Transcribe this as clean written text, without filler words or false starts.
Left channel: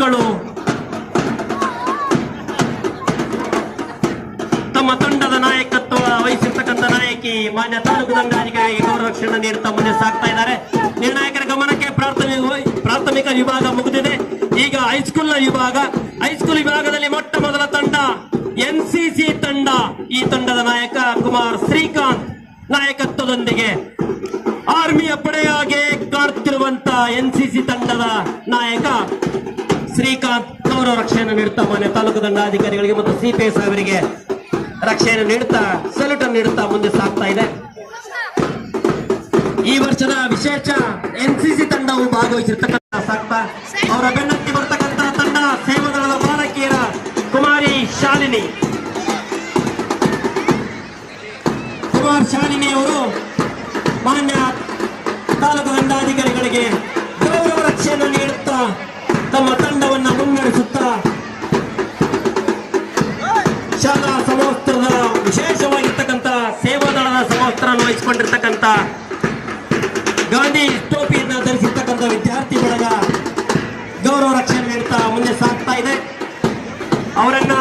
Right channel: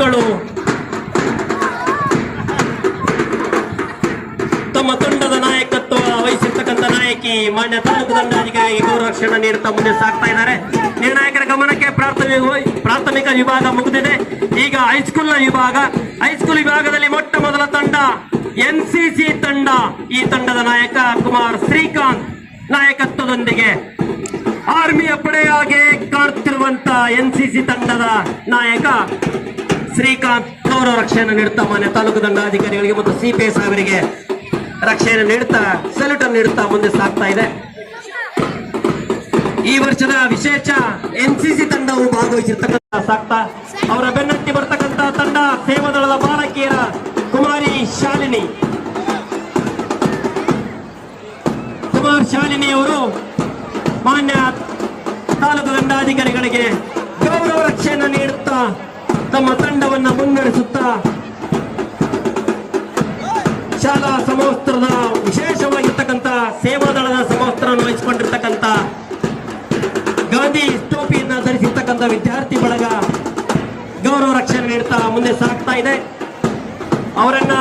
ಮಕ್ಕಳು ತಮ್ಮ ತಂಡದ ನಾಯಕತ್ವ ವಹಿಸಿರ್ತಕ್ಕಂಥ ನಾಯಕಿ ಮಾನ್ಯ ತಾಲೂಕು ದಂಡಾಧಿಕಾರಿಗೆ ಗೌರವ ರಕ್ಷಣೆ ನೀಡುತ್ತಾ ಮುಂದೆ ಸಾಗ್ತಾ ಇದ್ದಾರೆ. ನಿರ್ಣಾಯಕರ ಗಮನಕ್ಕೆ ಪ್ರಾಥಮಿಕ ವಿಭಾಗ ಮುಗಿದಿದೆ. ಈಗ ಹೈಸ್ಕೂಲ್ ವಿಭಾಗದಲ್ಲಿ ಮೊಟ್ಟ ಮೊದಲ ತಂಡ ಎನ್ಸಿಸಿ ತಂಡ. ಈ ತಂಡದ ನಾಯಕ ಕುಮಾರ್ ಶ್ರೀಕಾಂತ್ ನಾಯಕತ್ವದೊಂದಿಗೆ ಆರ್ಮಿಯ ಪಡೆಯಾಗೆ ಕಾಡ್ತಿರುವಂತ ಎನ್ಸಿಸಿ ತಂಡದ ನಾಯಕ ಶ್ರೀಕಾಂತ್ ಗೌರವ ರಕ್ಷಣೆ ನೀಡುತ್ತಾ ಮಾನ್ಯ ತಾಲೂಕು ದಂಡಾಧಿಕಾರಿಗಳಿಗೆ ಮತ್ತು ಸಿಪಿಎಸ್ ಅವರಿಗೆ ರಕ್ಷಣೆ ನೀಡುತ್ತಾ ಸೆಲ್ಯೂಟ್ ನೀಡುತ್ತಾ ಮುಂದೆ ಸಾಗ್ತಾ ಇದೆ. ಈ ವರ್ಷದ ವಿಶೇಷ ಎನ್ಸಿಸಿ ತಂಡವು ಭಾಗವಹಿಸಿರ್ತಕ್ಕಂಥ ಸಾಗ್ತಾ ಅವರ ಬೆನ್ನಕ್ಕೆ ಬರ್ತಕ್ಕಂಥ ತಂಡ ಸೇವಾದಳದ ಬಾಲಕಿಯರ ಕುಮಾರ್ ಶಾಲಿನಿ ಅವರು ಮಾನ್ಯ ತಾಲೂಕು ದಂಡಾಧಿಕಾರಿಗಳಿಗೆ ಗೌರವ ರಕ್ಷಣೆ ನೀಡುತ್ತಾ ತಮ್ಮ ತಂಡವನ್ನು ಮುನ್ನಡೆಸುತ್ತಾ ಶಾಲಾ ಸಮವಸ್ತ್ರದ ವಿಶೇಷವಾಗಿರ್ತಕ್ಕಂಥ ಸೇವಾದಳದ ಸಮವಸ್ತ್ರವನ್ನು ವಹಿಸಿಕೊಂಡಿರ್ತಕ್ಕಂಥ ಗಾಂಧಿ ಟೋಪಿಯನ್ನು ಧರಿಸಿರ್ತಕ್ಕಂಥ ವಿದ್ಯಾರ್ಥಿ ಬಳಗ ಗೌರವ ರಕ್ಷಣೆ ನೀಡುತ್ತಾ ಮುಂದೆ ಸಾಗ್ತಾ ಇದೆ. ಅವರನ್ನ